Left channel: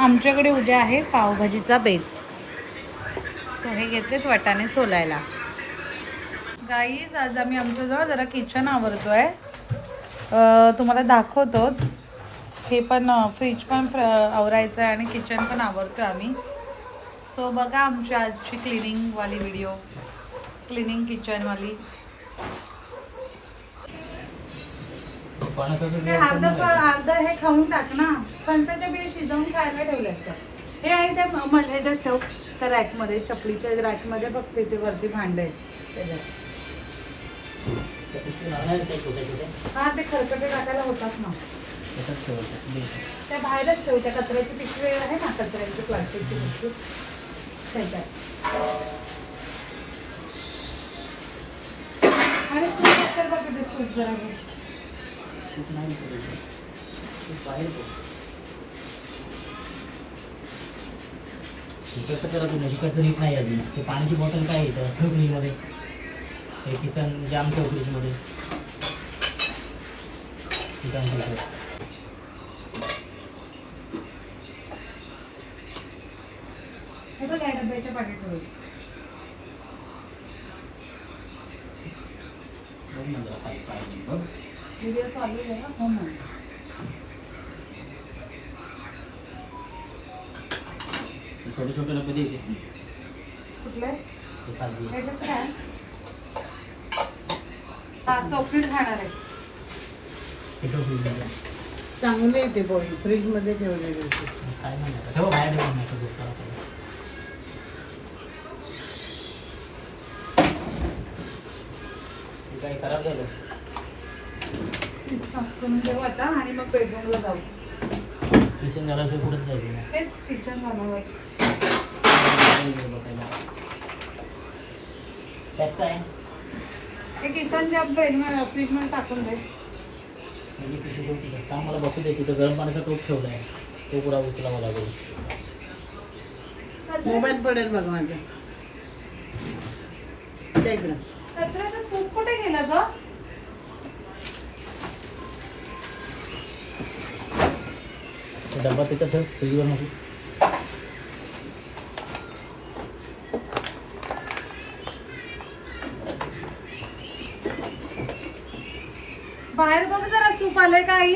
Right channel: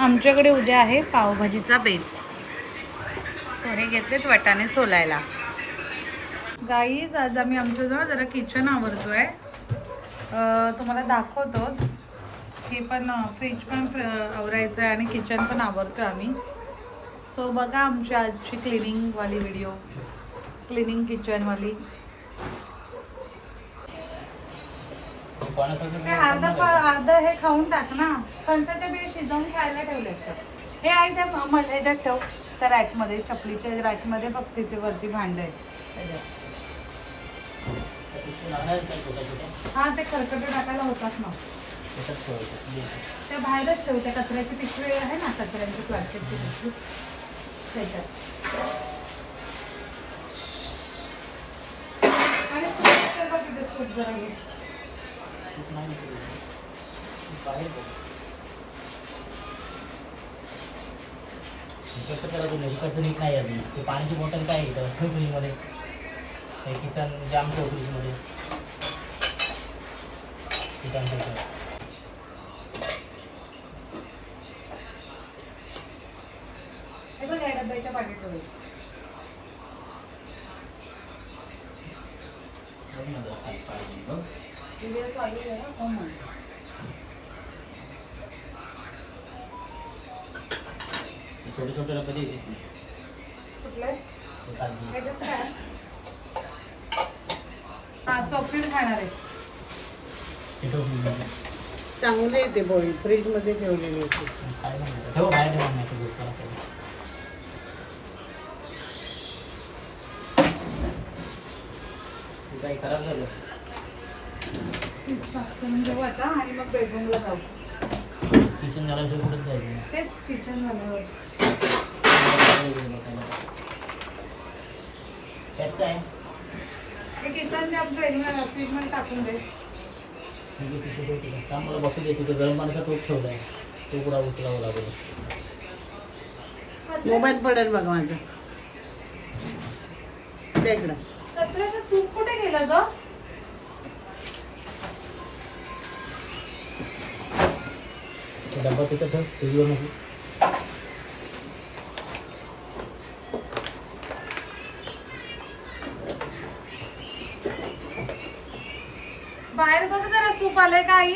आमच्याकडे उद्या आहे पावभाजीचा बेत. सो हे घेतलेत वाटाणे सोलायला. गाईज आज आम्ही आमचं जरा किचन आवरतोय. तुम्हाला दाखवतोच. हे पण फ्रीज पण आवरायचं आहे आणि किचन पण आवरतोय आम्ही. सो बघा आमची आजची क्लिनिंगवाली व्हिडिओ, क्लिनिंग किचनवाली. अर्धा हे खाऊन टाक ना. फणसाच्या बिया शिजवून खायला ठेवल्यात. हे आहे त्या ह्याच्यात ठेव, त्या रॅकमध्ये, चपलीच्या रॅकमध्ये बघ तिथे वरती भांडे आहेत. हा ते खरकटे टाकायला होतात ना, त्या बाहेरच ठेव. त्या कचऱ्याची पिशवी आहे ना, कचऱ्याची प्लास्टिकची पिशवी त्याच्यात. आणि सूप असेल का तिथे? सूप जरा कसं करत होतं कसं नीट नाही अजून. ते पाण्याची बॉटल काय आहे फ्रीजमध्ये, हे किसन जाम कर फ्रीजमध्ये. डब्याच्या पाणी ठेवायचं. छोटे छोटे डबे द्यायचे. खाणार आहे. चांगले येते पोळी फ्रीज मध्ये ठेवलेली. ठेव बाहेर खराब झालं. घेऊ आता आणि मग बेडरूमला जाऊ. किचन झाल्याशिवाय कुठेच जायचं नाही. तेच किचन झाल्यावर बसायला त्यात काय ते किचनच्या फ्रीज मध्ये टाकून दे. मला बसू दे. तिथे गरम पाण्याचा टोप ठेवला आहे, तो पुढे उचलावा लागेल. मोबाईल पडेल बघ माझं. कचऱ्याचा सूप कुठे गेला ग? डब्बा तिथं ठेव फ्रीजवर नको. बाहेर बघ जरा सूप आलंय का आई?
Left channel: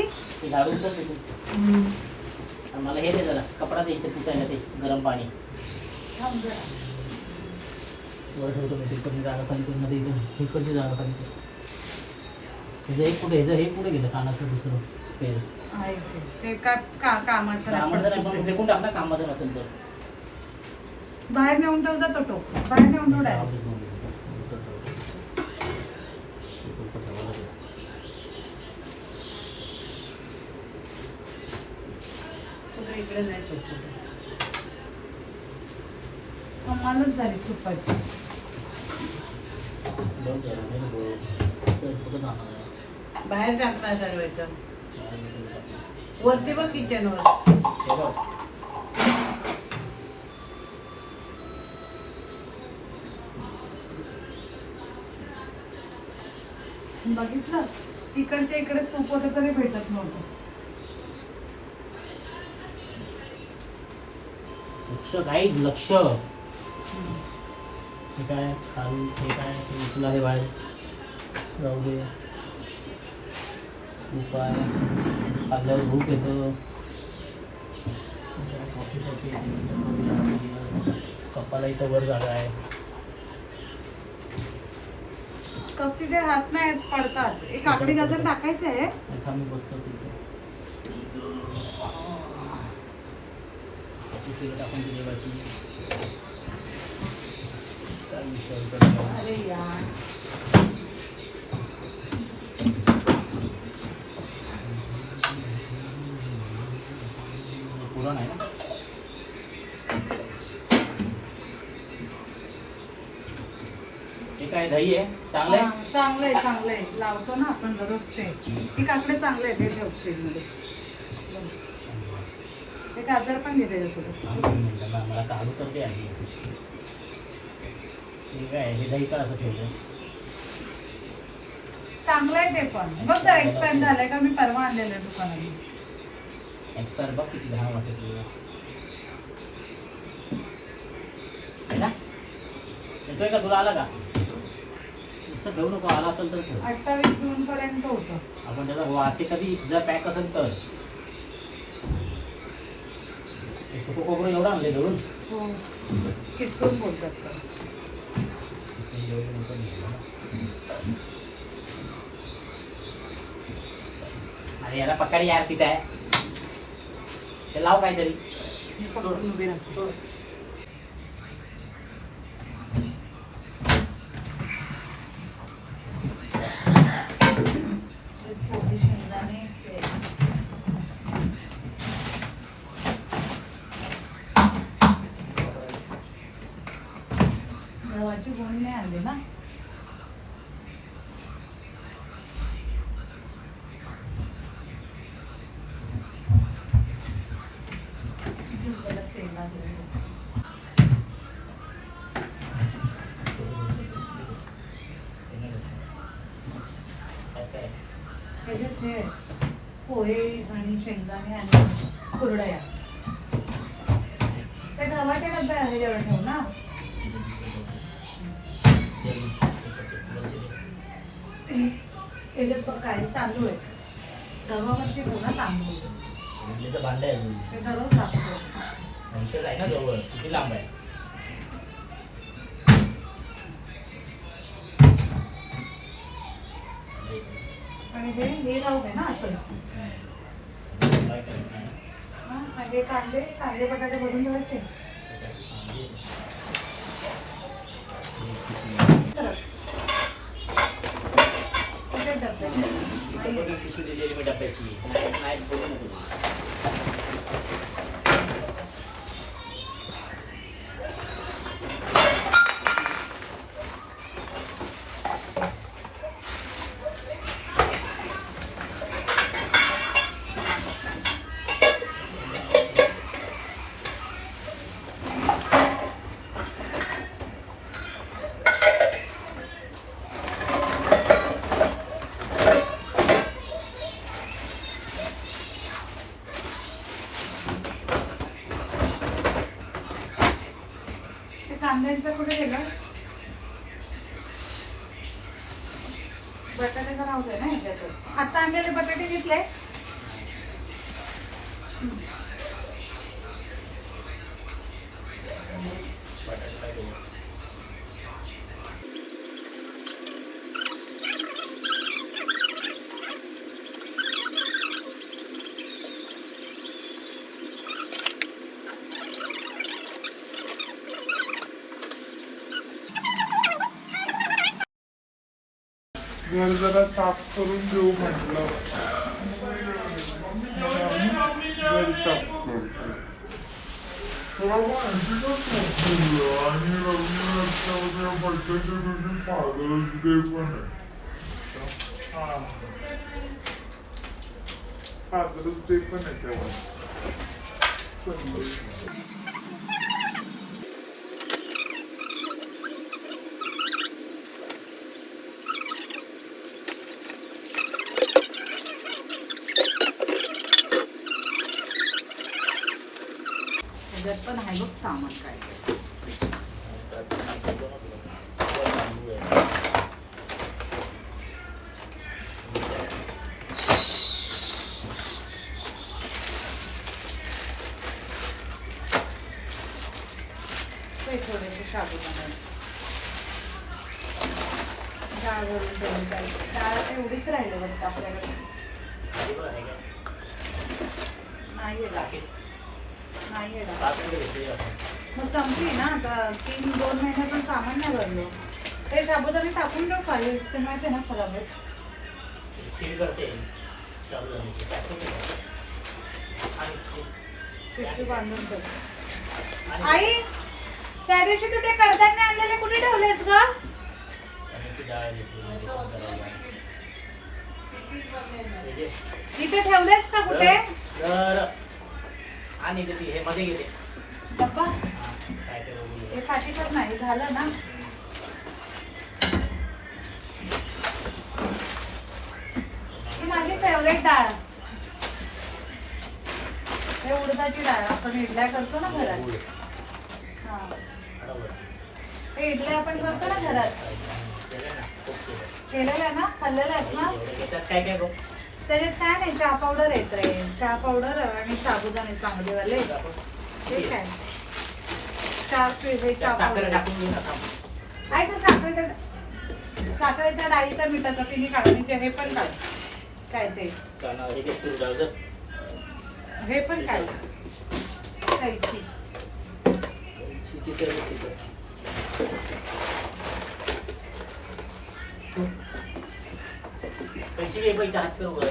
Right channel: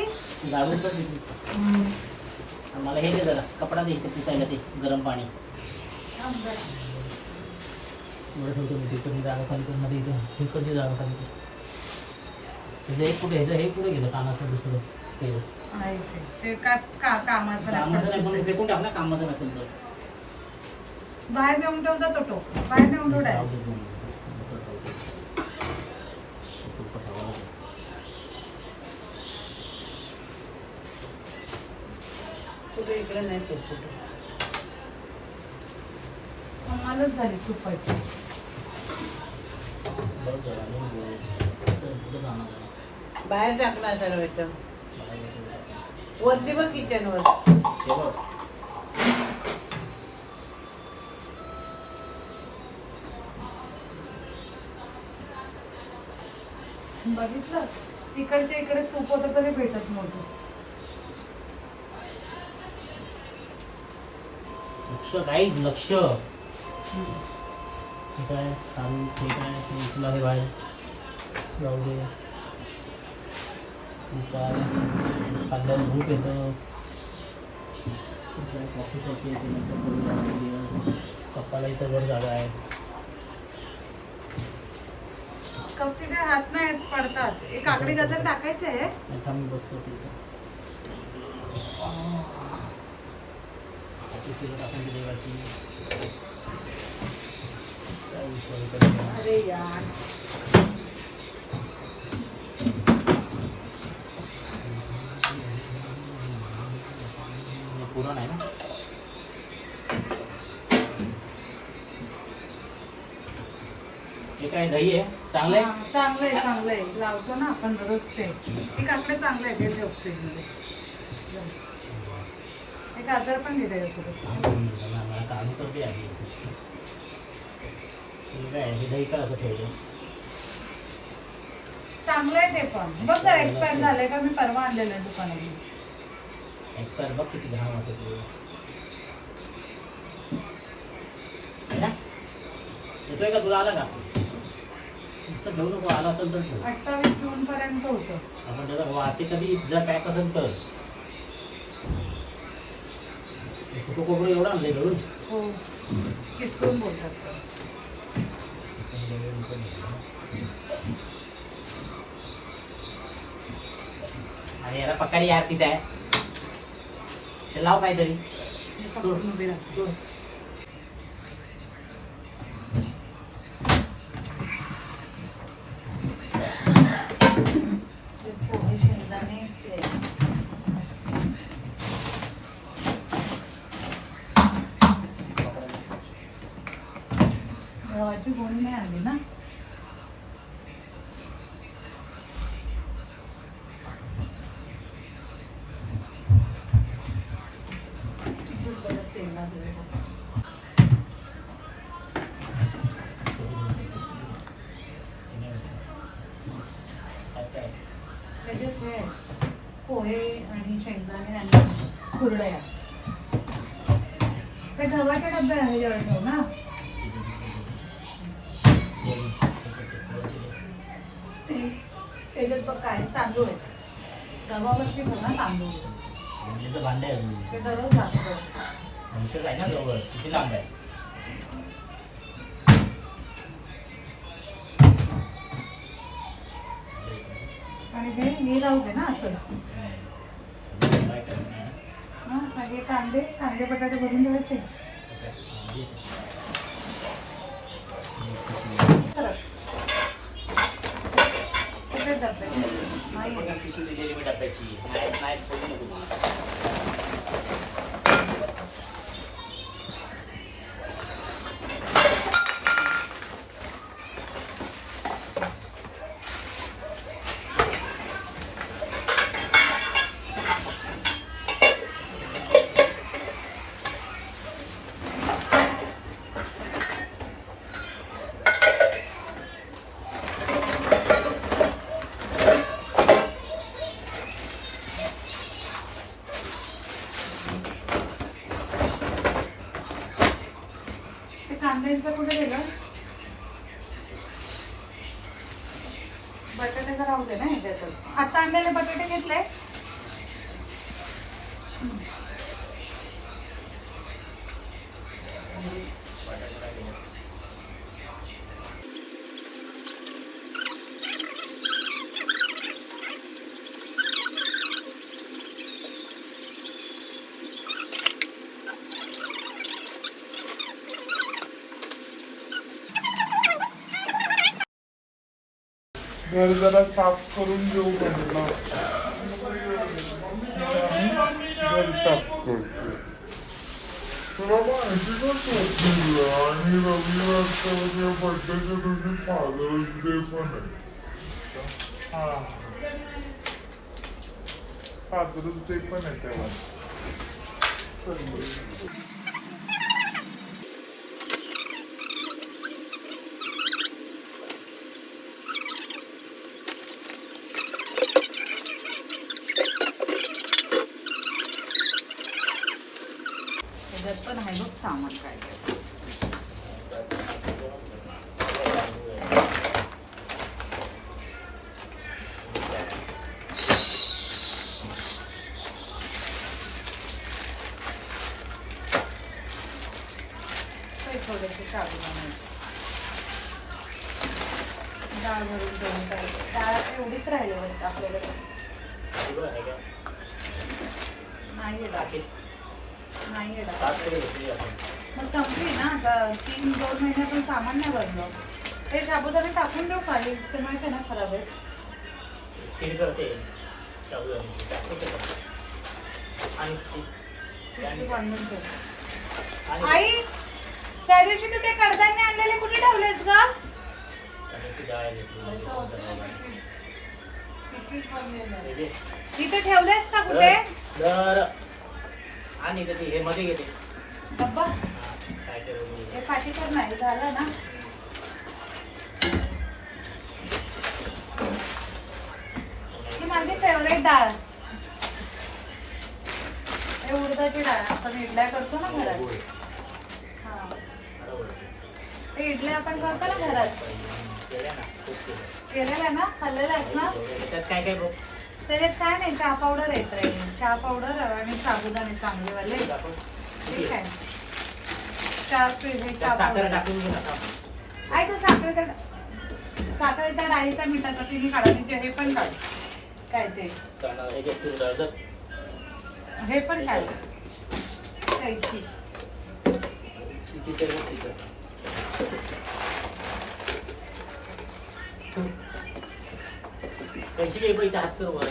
झाडून पण देतो. मला हे दे जरा, कपडा दे इथे पुसायला ते गरम पाणी. बरं ठेवतो मी. तिकडची जागा खाली कर मध्ये, इकडची जागा खाली कर. तिचं एक पुढे, ह्याचं हे पुढे गेलं कानाचं दुसरं तेल. ते कामाचं नाही पण फेकून टाक ना, कामाचं नसेल तर. बाहेर नेऊन ठेव जातो तो. बाहेर नेऊन ठेव डायरेक्ट. इकडे नाही सूप. मलाच झाली सुपायची. बाहेर टाकणार सर्वांचं वरती बघ किचनवर. बघितलं इकडच्या इकडे सूप होतं तरी भेटत नव्हतं. लक्ष गाईज, लक्ष. हे काय चालू, हे काय उचला, हे बाहेर जाऊ दे. रूप आहे, खाल्ल्यावर रूप येतं. कपाळा इथं वर झाला आहे. कप तिथे हात नाही पडतात. एक काकडी गाजर टाकायचं आहे. मी बसतो तिथे. टाकून देवाची. अरे यार पुरण आहे ना. हे काय दही आहे? चांगलं आहे. चांगलं आहे, चांगलं आहे. लावतो ना आपण दररोज ते. ही काकडे चांगलं आहे. ठेव फ्रीजमध्ये. ते गाजर पण घेते मला चालू तर ते आहे. ठीक आहे. हे दही का असं ठेवलं? चांगलं आहे ते पण. बघ तर एक्सपायर झालंय का? मी परवा आणलेलं आहे दुकानात. एक्सपायर बघ किती 10 वाजता. येतोय का तुला? आला का? नुसतं ठेवू नको, आला असेल तर ठेव. 28 जून पर्यंत होतं. आपण त्याचा वासे कधी जर पॅक असेल तर सुकू खोबरं एवढं आणलंय धरून. हो किसून बोलतात तर. अरे याला पकड यार तिथे आहे. ते लाव काहीतरी. मी पकडून उभी राहते. सोड. ते पोहे, शेंगदाणे, तेल. गव्हाची गोणी नाही आणली ना? तेल ना दिलेलं. त्याच्यात हे पोहे आणि शेंगदाणे आणि कुरडया. ते गव्हाच्या डब्या आहे जेवण ठेव ना. त्याच्यात बघ काय तांदूळ आहे. गव्हावरती ठेव ना तांदूळ. इडलीचं भांडं आहे अजून. ते दररोज लागतं. आमचं आहे ना जवळ, किती लांब आहे? आणि हे राहू दे ना असंच. हा हे कांदे बटाटे भरून ठेवायचे. सरस. कुठे डब्बे? पिशवी दिलेली मी डब्याची. नाही बोलू नको तू. कांद्यांचं कुठे गेलं? बटाट्याचं राहू दे ना ह्याच्यातच. आता आणलेले बटाटे घेतले. घर जरा साफ करून देऊ म्हणलं. घर साफ करतो. थोडा माहितीच म्हणलं. आणि रविवारच्या बड्डेच्या दिवशी फादर्स डे पण आहे. हा फादर्स डे पण आहे तेव्हा. त्याच्यात पण आहे बघ सामान काय. थोडेसे काजू बनायचे. डाळ भरून ठेवून काय डाळ एवढीच राहिली वाटतं आपल्याकडे. नाही डाळ नाही डाळ. मग संपली ना आता. 3-2 महिन्यातून सामान नाही भरलं. हे साबुदाणे टाकून देऊ का? ते माहिती ना खराब आहे. खीर करते साबुदाण्याची. पिशवी बांधून ठेव. आई त्या दिवशी तू ते कडधान्य आणलेले कुठे ठेवलेस ग? तिथे ठेवलेस का कुठे? आणि हे मध्ये घेते डब्बा हे पाठीवर नाही झालं ना. ती माझी फेवरेट डाळ. हे उडदाची डाळ आपण इडल्या करतो ना घरात. हा हे इडल्या आपण करतो ना घरात, केलेला ना, खाल्लेला आहे ना. त्यात काय काय बघ. त्याच्यात काय नाही, चहा पावडर येत रे, चहा पावडर आणि साबुदाणे चांगलेवाले. ठीक आहे, चहा त्यात साखर टाकून घेऊ नका. आहे का साखरेच्या डाळीच्या मिठाचा तिने काढायचे. हे पण काढ, काय ते चला हे घे तूर डाळ जर. हे पण काढ, कैची. तिकडे तिकडे. कैची घे बाई, हात कर वर.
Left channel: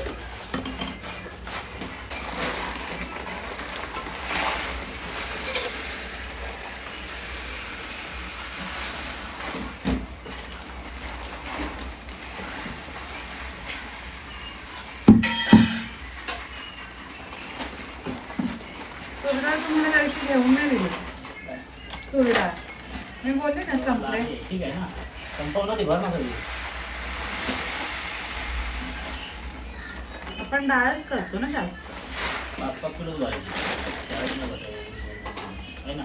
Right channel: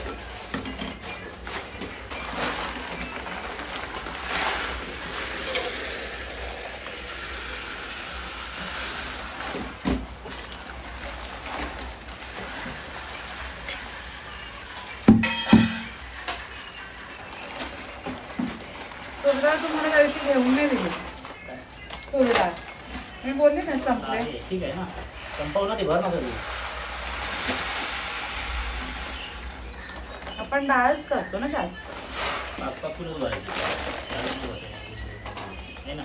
तुरडाळ तुम्हाला कैची घेऊन नाही दिलीस. तुरडाळ मी बोलले ना संपले. आहे, ठीक आहे ना, संपव ना ते, भर ना सगळी. आपण डाळच करतो ना जास्त. 5-5 किलोच भरायची. त्यावेळेस नाही बसायची. आहे ना.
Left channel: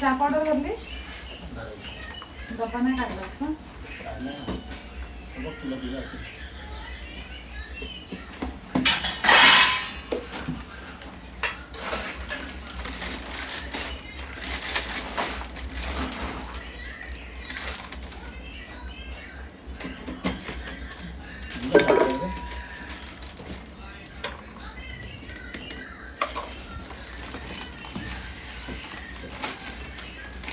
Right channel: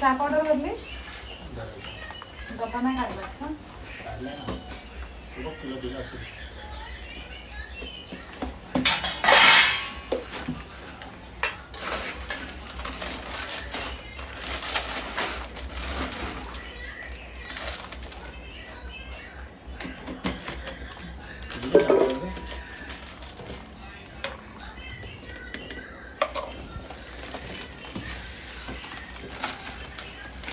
चहा पावडर भरली, भरायची. डबा नाही काढलास ना. काढलंय ना. हे बघ तुला दिलं असेल. दिलं का बरोबर?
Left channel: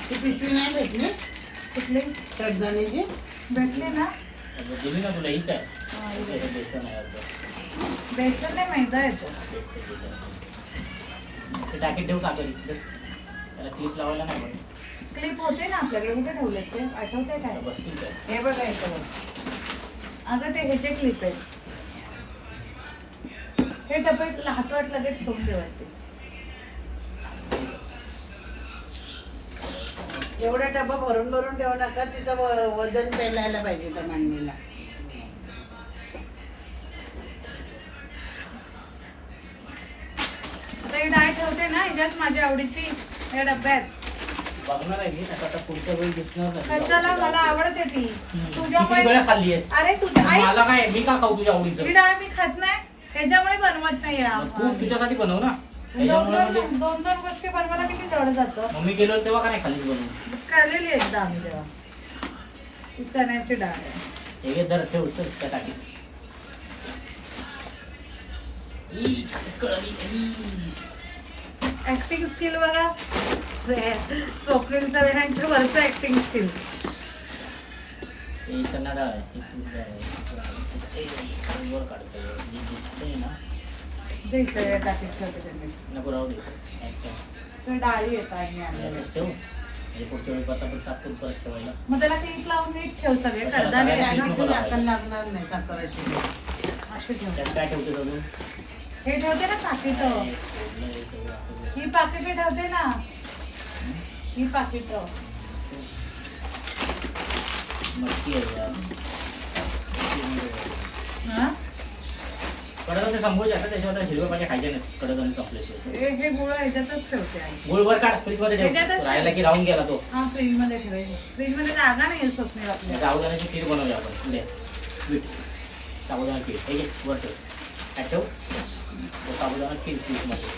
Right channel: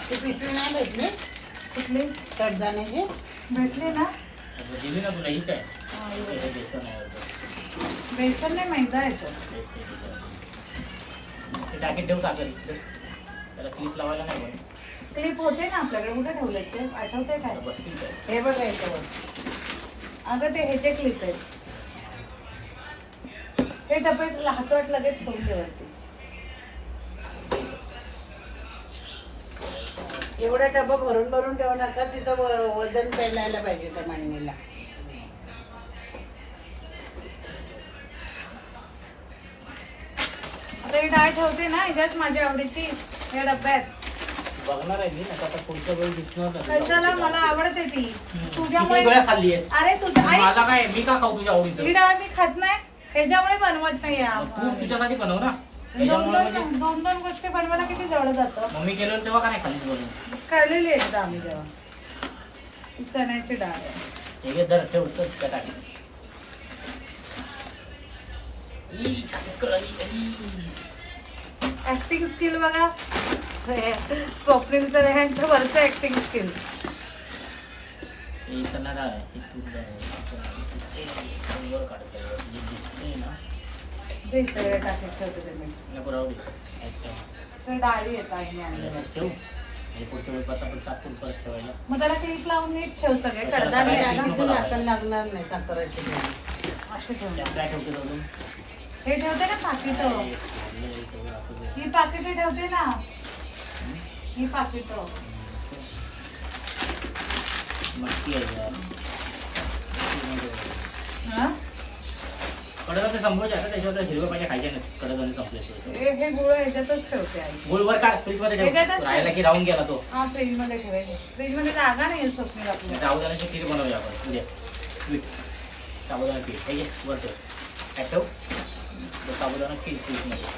ती पिशवी नाही भेटली कुठली कडधान्याची. भेटले ना. आता दिली ना तुला, ही काय हा, हे हे बघ. बेसन आहे अर्ध. बेसन नाही, मैदा येतो. तेच ते केलं असेल. ते टाकीत ठेव साखर. त्याला क्लिप लावायला नाही पण. क्लिप होते ना आपल्याकडे, कुठे ठेवले ते आठवतंय काय. बसतील काय. हे बघायचं. अगं ते ह्याचे क्लिप आहेत. हे डबे हातवाट लगेच ठेवून ठेवते. एवढे डब्बा भरून भरून ठेवा टाका, तिथं वजन पेलायला पाहिजे त्या मांडणीला. आता ही डाळ ठेवते ना ह्याच्यात माझ्या आवडीची, या डब्यात. बघणार आहे मी आता पुढचं पण दिसणार नाही. कशाला, मला आवडते ती. किती तुझ्यामुळे वेळा खाल्ली आहेस? अरे तुझ्या आई, मला काय, मी का खाऊ तुझ्या आवडीचं? ही डाळ मी खात नाही, ह्याच्यामुळे बनवत नाही. मग तू तुझ्यासाठी बनव ना. दोन त्याच्यामुळे म्हणजे दोन दोन गोष्टी बनवायला किती जवळ जातं. मम्मी केलं तेव्हा का नाही खाल्लीच बनवून? खाल्लेली एकदा आम्ही तेव्हा. ती चण्याची डाळ आहे. हे घे धर, ठेव चल त्या टाकी. ई, छान कळली, ई. ऍक्टिंग स्किल बघा, स्वप्नीलचं ह्यांच्या वरचं ऍक्टिंग स्किल. हे चणा डाळ आहे, ही तूर डाळ आहे. हे वर काढ सगळं. जे दिसतंय ना, जे सगळं टाकीत ठेवते त्यांनी. नको राहू दे. काय काय. ते डाळी येत आहे आणि आणलेल्या. असंच ठेव. हे पुढच्या वेळी पत्ता पण साफ करून परत ठेवायला. मग त्याला क्लिप लावून नीट ठेव सगळे कशाला कडधान्य सगळ्या आहे ना, नको टाकीची लावायला. झाकण लागणार नाही साखरेची. असे ठेव. त्यात काय ठेवते अजून? हे ठेवते ना पाकिटं. हे सगळं असंच आहे. ही पाकिटे ठेवते ना, ही पाकिटं. मटकी आहे यार. हा? कडधान्य संपवायचे आता, त्याशिवाय आता हिरव्या पाहिजे खायचे नाही कडधान्य संपल्याशिवाय. हे गुळ ह्याच्यातच ठेवते आई. गुळवर काढ, फ्रीजमध्ये ठेव. त्याच्यातच ठेव. राहायला की राहून गेला तो. हा, फ्रीज मध्ये ठेवेल. फ्रीज मध्ये जागा नाही स्वप्नील आपल्या. साबुदाण्याची खीर बनवूया आपण उद्या. स्वीट साबुदाणा खीर. हे घे वर ठेव. काय ठेव तो साबुदाणा खीर स्वीटमध्ये.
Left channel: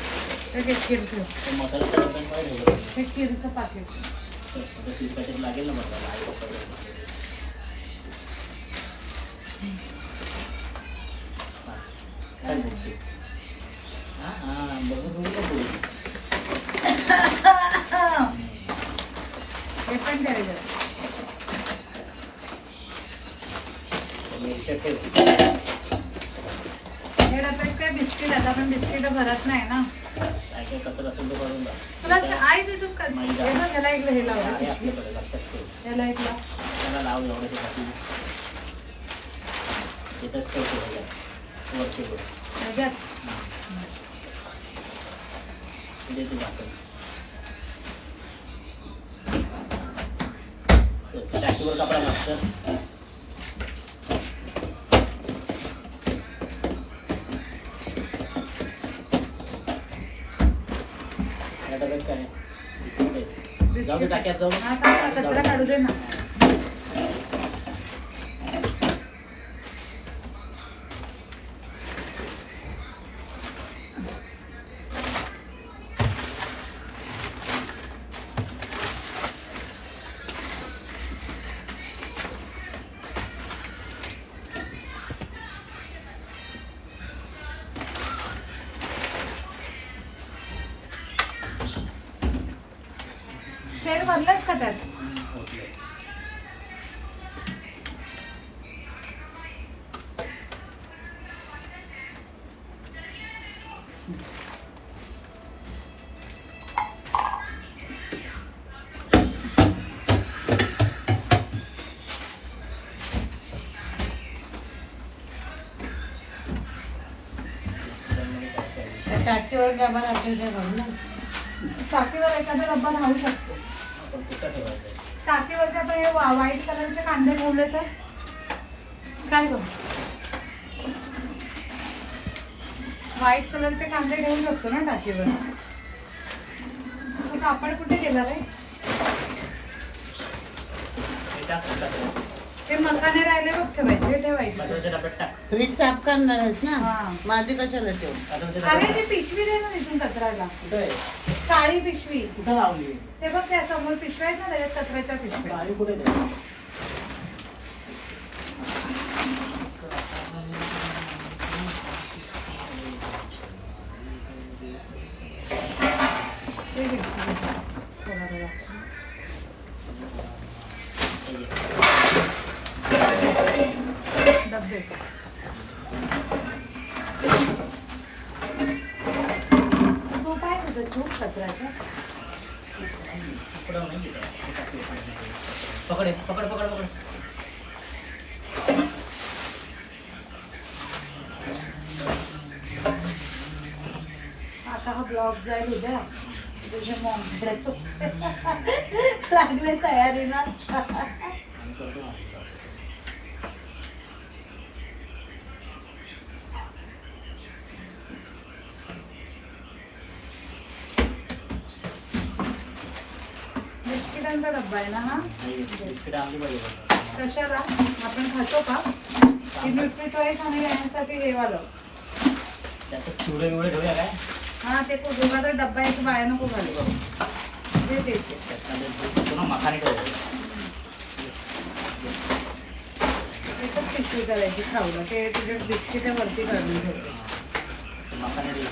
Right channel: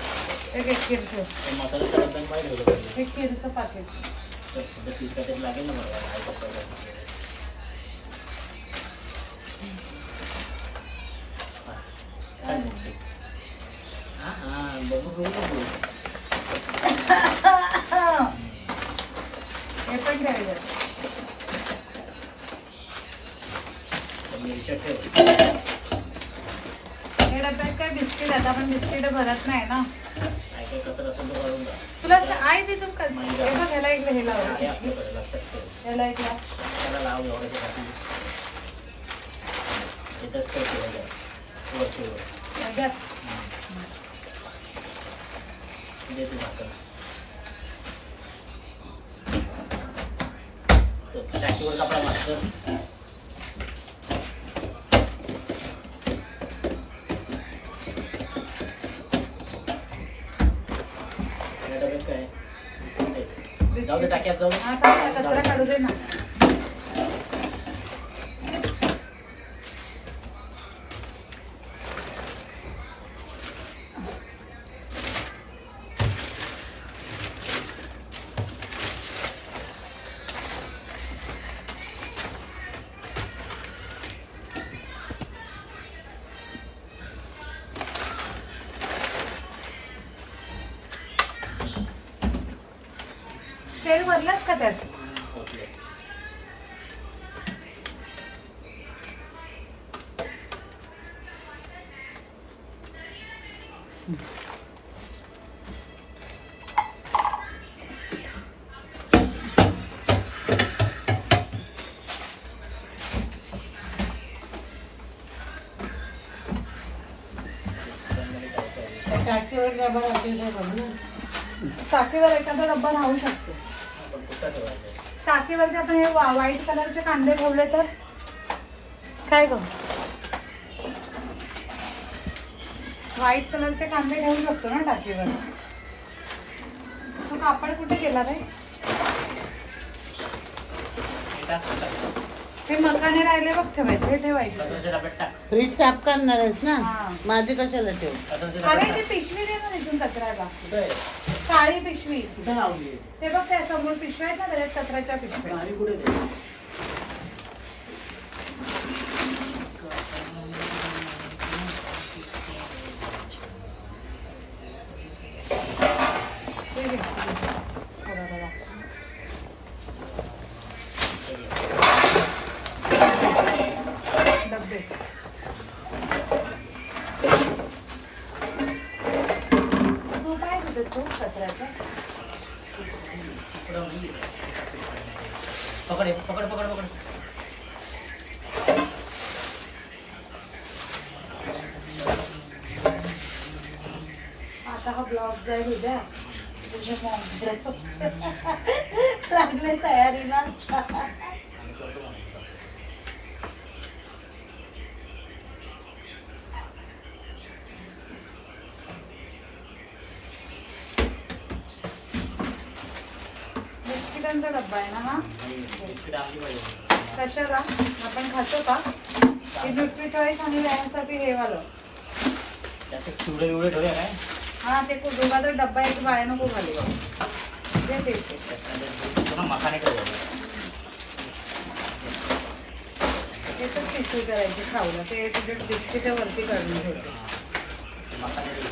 हे खीर ठेव. ते मसाल्याच्या डब्यांमध्ये ठेवतो. हे खीरचं पाकिट. तर स्वीट काहीतरी लागेल ना बरोबर. आई पप्पा काय बघतेस? हां बघून बघून. हे पण ठेवायचं. मिरच्या ठेव. हे डब्यात काय बिस्किट, आता आपण बिस्किट भरत नाही ना. काय काय कसं कसं तो काढून जा. तुला आई तिथून कर. मैदा. हे बघ, ह्याला इकडे हे लाव. आहे आपल्याकडे, लक्षात ठेव. ह्याला इकडे. त्याला लाव एवढ्यासाठी. येतच तर ठेवायला वर ठेव. ह्याच्यात. देते झाकण. टाकीवर कपडा मस्त. या डब्यात काय आहे? बिस्किट आहे. जाऊ दे टाक्यात जाऊ. हा चालेल, कचरा काढू दे ना. तेल भरलंच का त्यात? टाकीवर डबा असेल ते बघ ना. टाकीवर एखादा डब्बा राहू शकतो. टाकीवरती आपण हे व्हाईट कलरचे कांदे घालले तर काय करू? व्हाईट कलरचे कांदे घेऊ शकतो ना टाकीवर. तो कापड कुठे गेला रे? हे मकाने राहिले बघ, ठेवायचे. हे ठेवायचे. कचऱ्याच्या डब्यात टाक. फ्रीज साफ करणारच ना. हा. माझे कशाला ठेव? कचऱ्याच्या अरे डब्यात ती टाक. पिशवी दे ना तिथून कचऱ्याला. कुठं आहे? काळी पिशवी. कुठं लावली? ते बघ त्या समोर पिशव्या आहेत ना, त्याच्यात कचऱ्याच्या पिशव्या. गाडी कुठे आहे? ते घे. थोडा थोडा. डब्बे. सूप आहे तिथे, सूप कचऱ्याचं. पकड नाही तिथे. पकड पकड पकड पकड. आता हा ब्लॉग जाईल उद्या. तुझ्या मॉमकडे लागले तयारीला. आम्ही करतो मग. बिस्किटांचा डब्बा आहे ना हा? बिस्किट आणली पाहिजे. कशाला? आपण खातो का? ही न्यूट्रिचॉईस आणि यासाठी हे वालं. त्यात चिवडे विवडे ठेवूया काय? हा ते दोघा तर डब्बा याची बाया नको घालू. दे ते. पुन्हा मखाने ठेवूया. एकच पिशवी करायची खाऊला. ते तुझ्या बिस्किट वरती करून ठेवते. मखाने ठेवू.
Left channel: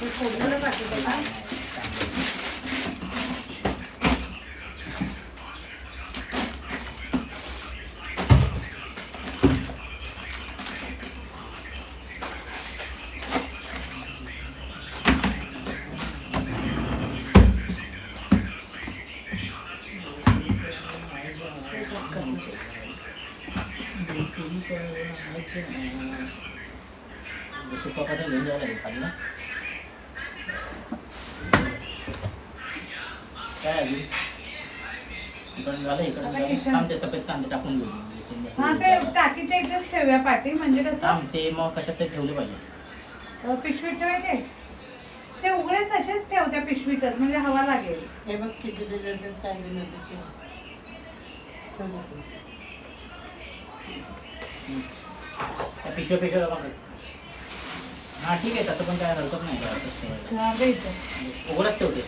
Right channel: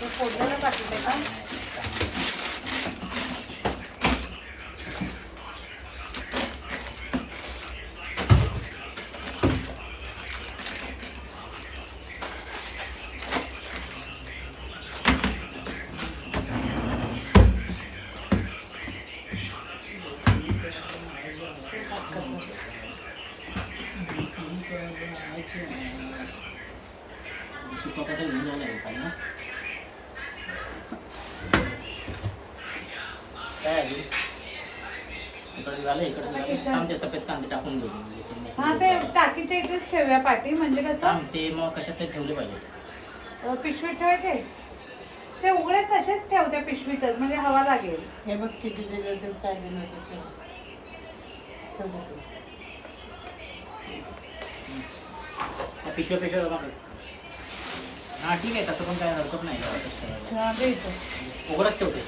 ते फोडलेलं पाकिट आहे का? सुका कसा घेऊन जावं लागेल खाली ना. काय आधी इकडे झालं इकडे झालं. थांब ते सफेद कांदे टाकून घेऊ. हा ते टाकीच्या इथेच ठेवूया पाठी. म्हणजे कसं थांब ते मग कशात ते ठेवले पाहिजे. पिशवीत ठेवायचे. ते उघडे तसेच ठेव त्या पिशवीतच, म्हणजे हवा लागेल. हे बघ किती दिले तेच काय दिले ते. त्या पिशव्या पिशव्या बघा. हा ठीक आहे, तसं पण काय हरकत नाही. तसं ठेवायला. हा, दे इथं. उघडच ठेवते.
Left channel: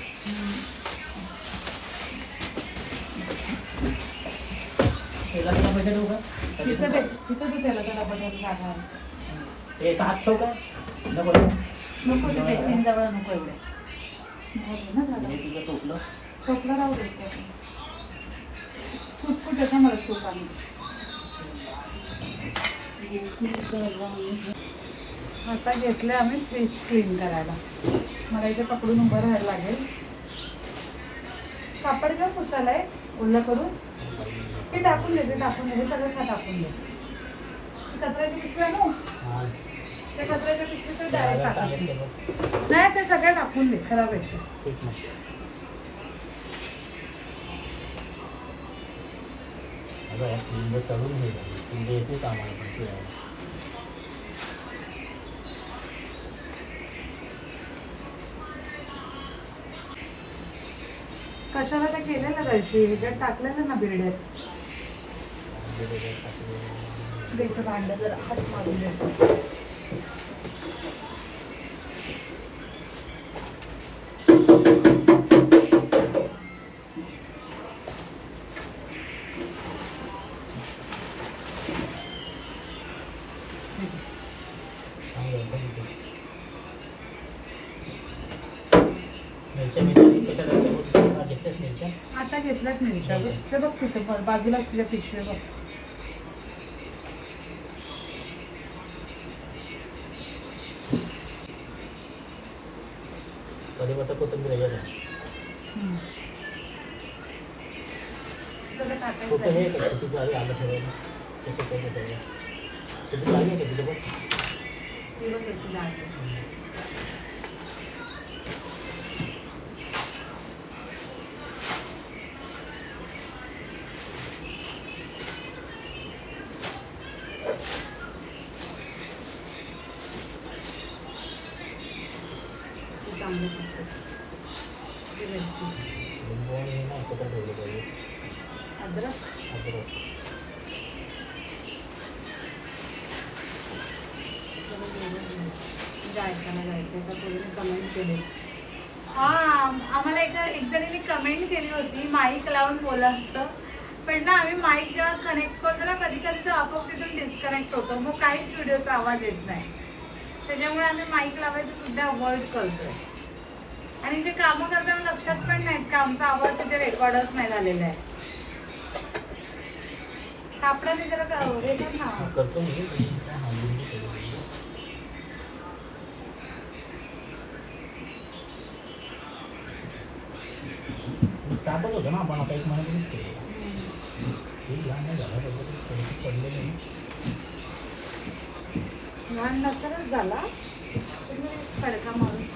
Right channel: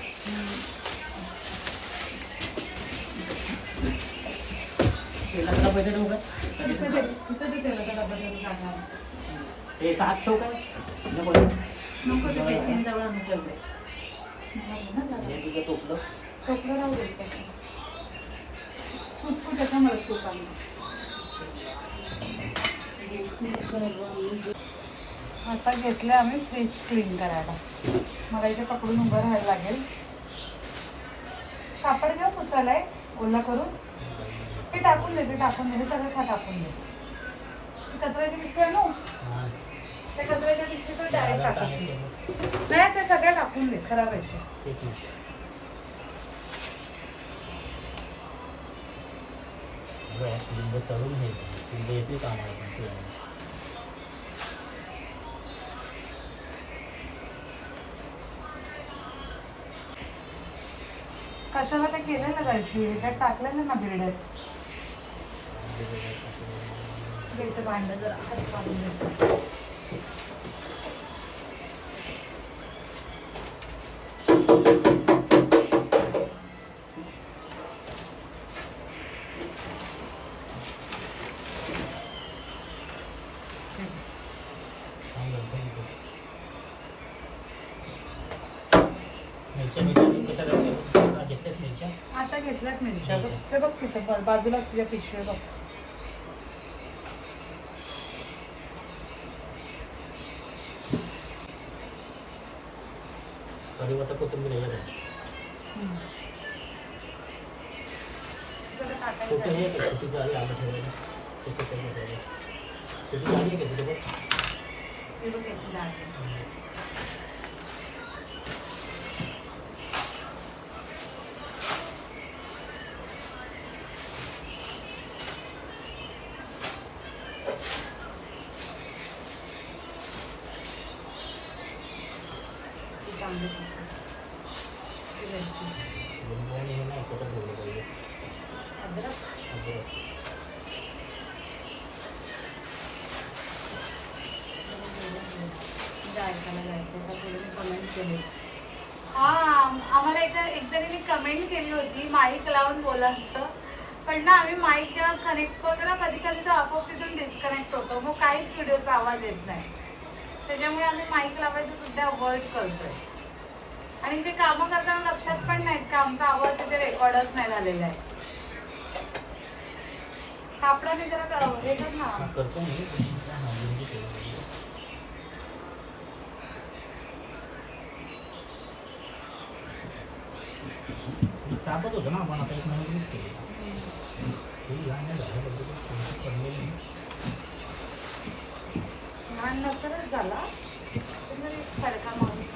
तेलाचा पैसे देऊ का? तिथं दे. तिथं तू ठेवलं त्याला बघा जागा. ते हात ठेवू काय? नको नको. नको ते बेसिनजवळ नको एवढे. झालं ना झालं. हे तुझं टोपलं. टोपलं राहू दे त्यात. सूप कुठे आहे? मला सूप आणून दे. आता घेतलं आम्ही फ्रीज क्लीन करायला. मला इथे पकडून उभं राहायला लागेल. कापड घेऊ पुसायला आहे ओलं करून. ते टाकून दे, ते टाकून दे. सगळं खा टाकून दे. कचऱ्याची पिशवी आहे ना? ते कचऱ्याच्या पिशवीतच डायरेक्ट टाकून दे. नाही ते सगळं टाकून दे, खराब येते. लिंब सडून घे. लिंब येते कामाला पण केलेलं रशी ह्याच्यात टाकलेलं ना बिरड्यात. बेटे भांड जरा हात मारून देतो. मिरच्या कशा घेतल्याच मिरच्या आता घेतल्यात मिरच्या बघ. ते बघ तिथं बाजूला तुझ्या पिशवी बघ. कढीपत्ता कोथिंबीर याच्यात आहे. सगळं टाकायचं छोटं आहे. हे का छोटीचं आहे आलं ठेवायला ते कसं आहे कसं आहे छोटी लागली का तिथे बघ. हे बघ याची डाळ आहे. चांगली दिसते. ही मिरची. लिंबू आणि हे नाही एकत्र ठेवलं पाहिजे. अद्रक. अद्रक आम्हाला एकदा मी कमेंट केली होती माईक लावून बोला असं, पण ना आम्ही माईक जेव्हा कनेक्ट करतो ना कधी कधी तो आपोआप तिथून डिस्कनेक्ट होतो, मग काहीच व्हिडिओचा आवाज येत नाही. त्याच्यामुळे आम्ही माईक लावायचं सुद्धा अवॉइड करतोय. आणि जे कामं करताना लक्षात पण नाहीत का आमचा आवाज तिथे रेकॉर्डच नाही झालेला आहे. आपल्याला जरा ना करतो मी. सापच होतं ना आपण आता एक महिन्यापूर्वीच केलेला. हे लहान नाही झालं पद्धती थोडंसं पडलेलं नाही. लहान नसतच झाला सारखा म्हणून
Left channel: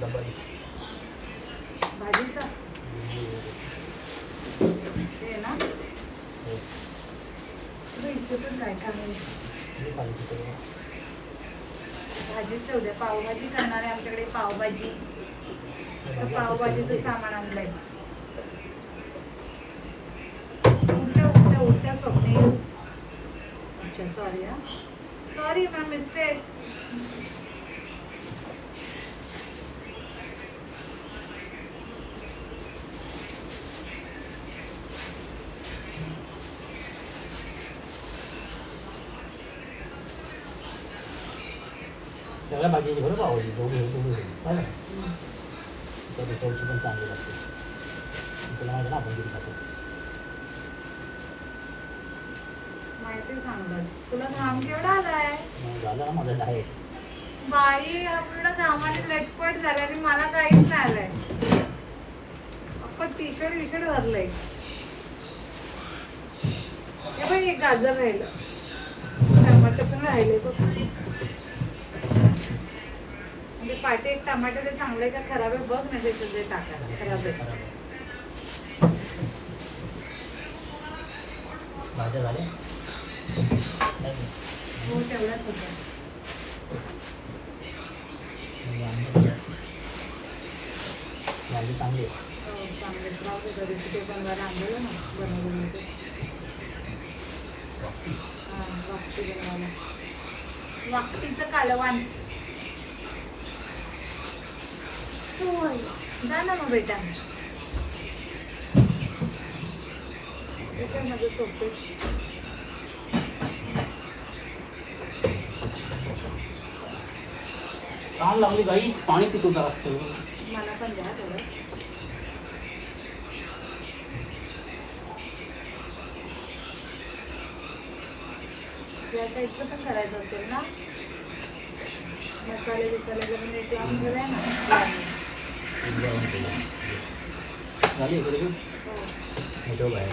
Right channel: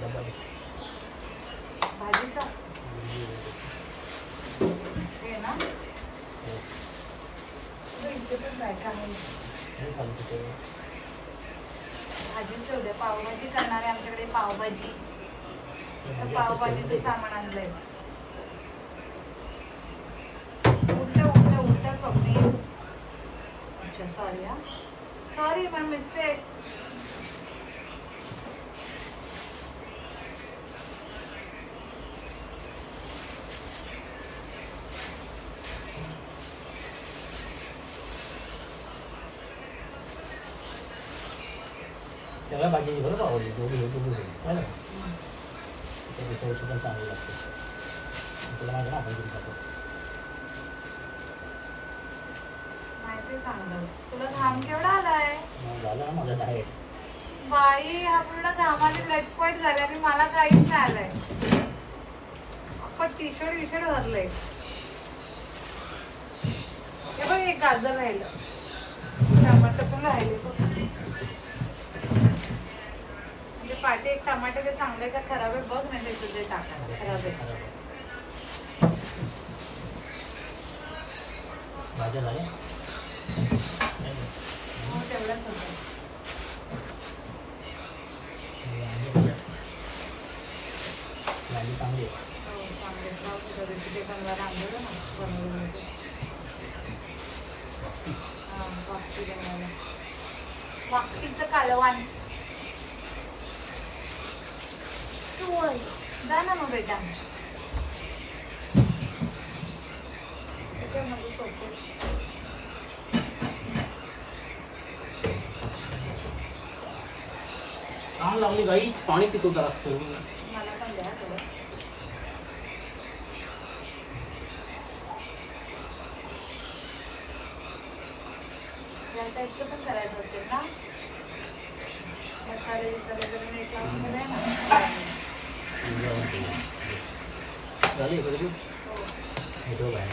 डबा भाजीचा हे ना इथे पण काय काय भाजीच ठेवते. पावभाजी करणार आहे आमच्याकडे. पावभाजी पावभाजीचं सामान आणलंय. उलट्या स्वप्ने. सॉरी माय मिस्टेक. सगळ्या भाजीची बरं पावभाजी जेवढी होईल तेवढी होईल आहे ना. तर थोडीशी पण चांगली लागते. तुला माहिती ना आपण किती खातो. माहिती चांगलं. तुला घाम केवढा आलाय झालं ना माझं डाएट. बाई हा पूर्ण घामाने लटपट झाला आणि मला काहीच नाही आलंय. आपण टी शर्ट विशर्ट भरले. गाजर राहिलं, टमाटर पण राहिले. म्हणजे पाठी एक टमाटर चांगले का खराब आहे बघ ना. ते सगळे टाका खराब आहे. भाज्या झाल्या हो तेवढाच होतं. वांगी चांगली आहे. वाकीचं कालवान जा ना मग बेटा. सोफे काम लागली गाईस. पाणी पितो जरा सर्व. मला पण द्या थोडं. या साईडचं पण करायचं असेल ना. मसाले झाली इकडे तू ठेव बाहेर.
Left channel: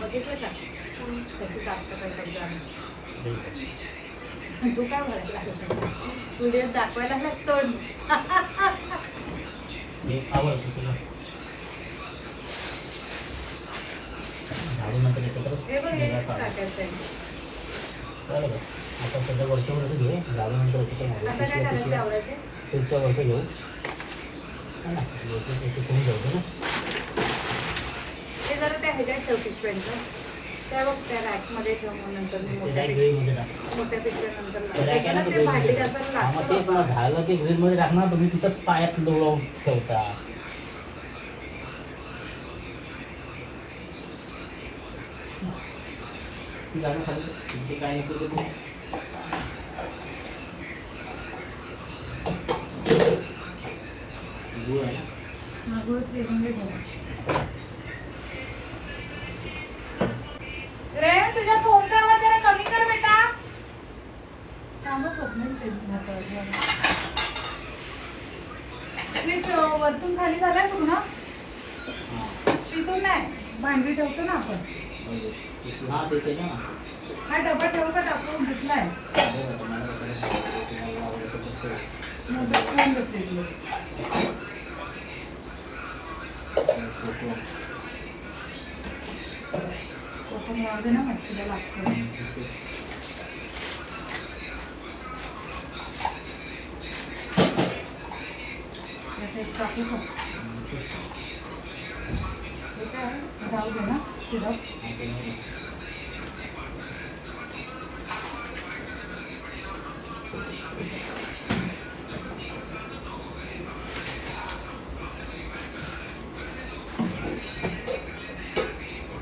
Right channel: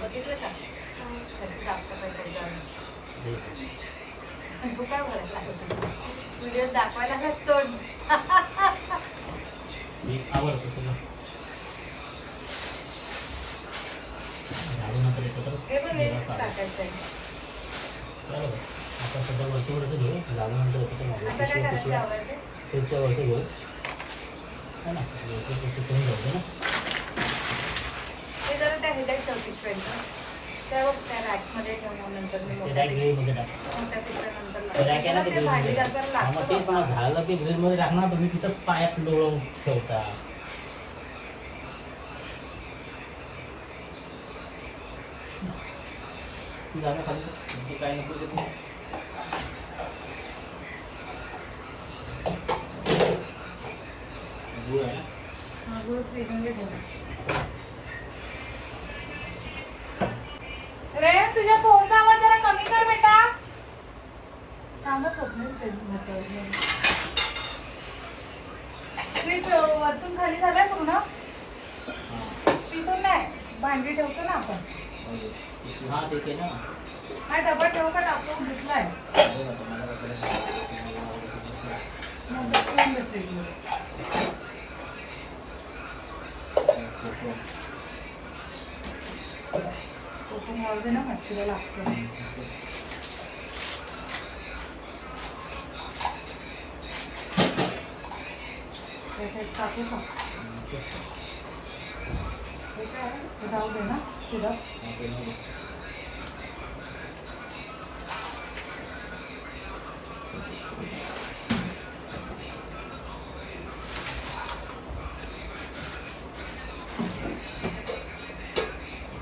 बघितलं का त्याची साफसफाई तू काय म्हणला व्हिडिओ दाखवायला नसतो. आवडतो सगळं. झाडूनंतर एकत्र हे बघ, हे निघा काढू. टाकायचं आहे. चालेल का? आता सध्या वरच्या वरचं घेऊ, झाडूनंतर एकत्र मागू. आता काय पिशव्या खाली पिशव्या लावायचं? फ्रीजच्या वरचं घेऊ. है ना, एक करून जाऊ दे ना. हे जरा त्या ह्याच्यात ठेव पिशव्यांचं. त्यावर त्या रॅकमध्ये ठेव मग नंतर मी ते मोठ्या काय ग्रेव्हीमध्ये टाका. मोठ्या पिशव्यानंतर ते काय केलं लावायचं. ते ते भाजी ग्रेव्हीमध्ये करताना टाका. हा, मग लागतं तेच ना, बाबा. झालं ते ग्रेव्हीमध्ये टाकणार तुम्ही तिथं पायात लोळवून ठेवता. ती जागा खाली ते काय नको ते नाही. गुळ आहे ना? हा, गुळ फ्रीजमध्ये ठेव. रे, तुझ्या फोनचा आवाज जरा कमी कर बेटा. कामच होत नाही फ्रीजमध्ये. फ्रीज वरतून खाली झालाय पूर्ण. तिथून नाही, भांडी ठेवतो ना आपण. हा ते केलं ना. हा डबा ठेवू का टाकून घेतलाय? कोकण वाळू ना मच्छीला लागतं. त्यात एक टाकू का? हे काय आहे? हे जाऊ दे ना, शिरा.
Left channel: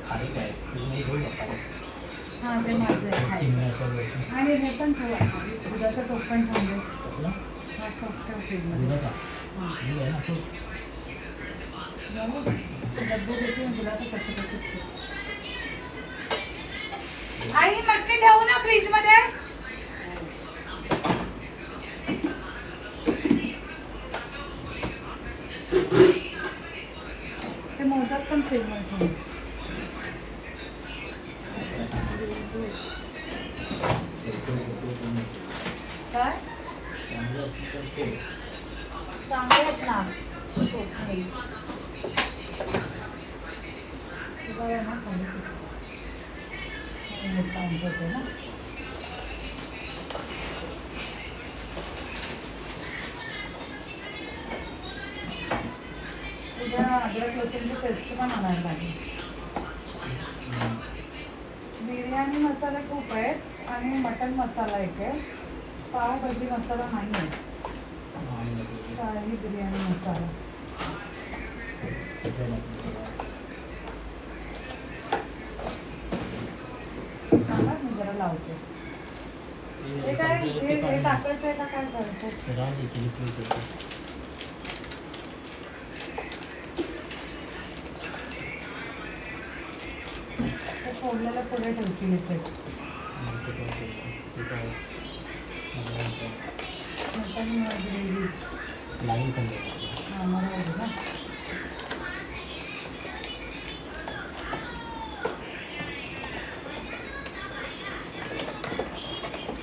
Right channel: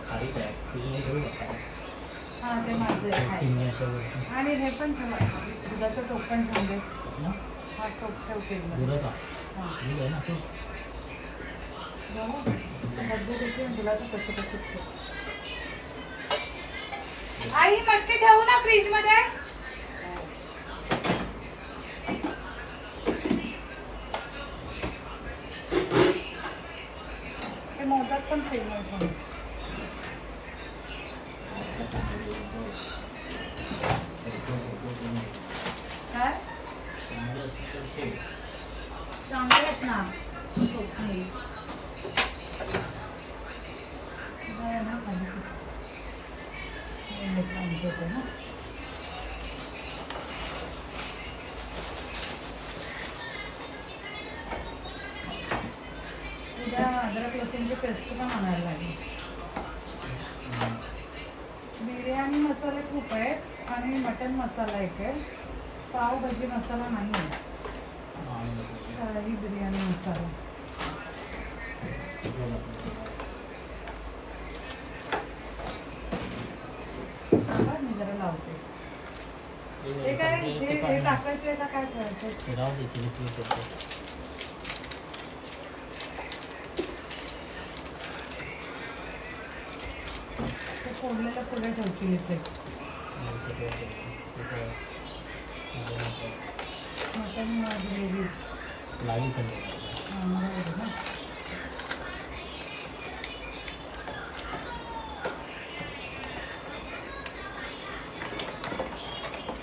खाली काय फ्रीजमध्ये घेऊ नका. हा, ते माझं आहे खायचं. आणि हे पण ठेवा, दुधाचं टोप पण थांबेल. कसलं? हा टोप ठेव फ्रीजमध्ये. दुधाचा हा. दूध आहे ना असं. बाबू, ते डब्बू देते ना तुला, तर तसं तसं ठेव. आई मटके ठेवू ना फ्रीजमध्ये? ते मोदक पण फ्रीजमध्ये ठेव. काय? चांगलं असेल तर ठेव. चांगले आहेत ना चोखणे. बरं आहे ना खाली मोठा आमचं होतं ना. उद्या अद्रक लसूणची पेस्ट पण आणायला लागेल. बिर्याणी मसाला खूप आहेत आणि मटन मसाला एक आहे. पावभाजी मसाला नाही आहे. शाही बिर्याणी मसाला. थांबा, मी जरा लावते. हे काय हे टाकायचं आहे का काय करायचं? राहू दे, चिली फ्लेक्स येतो. ते फोडलेलं पुढे ठेवतील इथे. मटन ग्रेव्ही नाही सांगितलं. आम्हाला ना.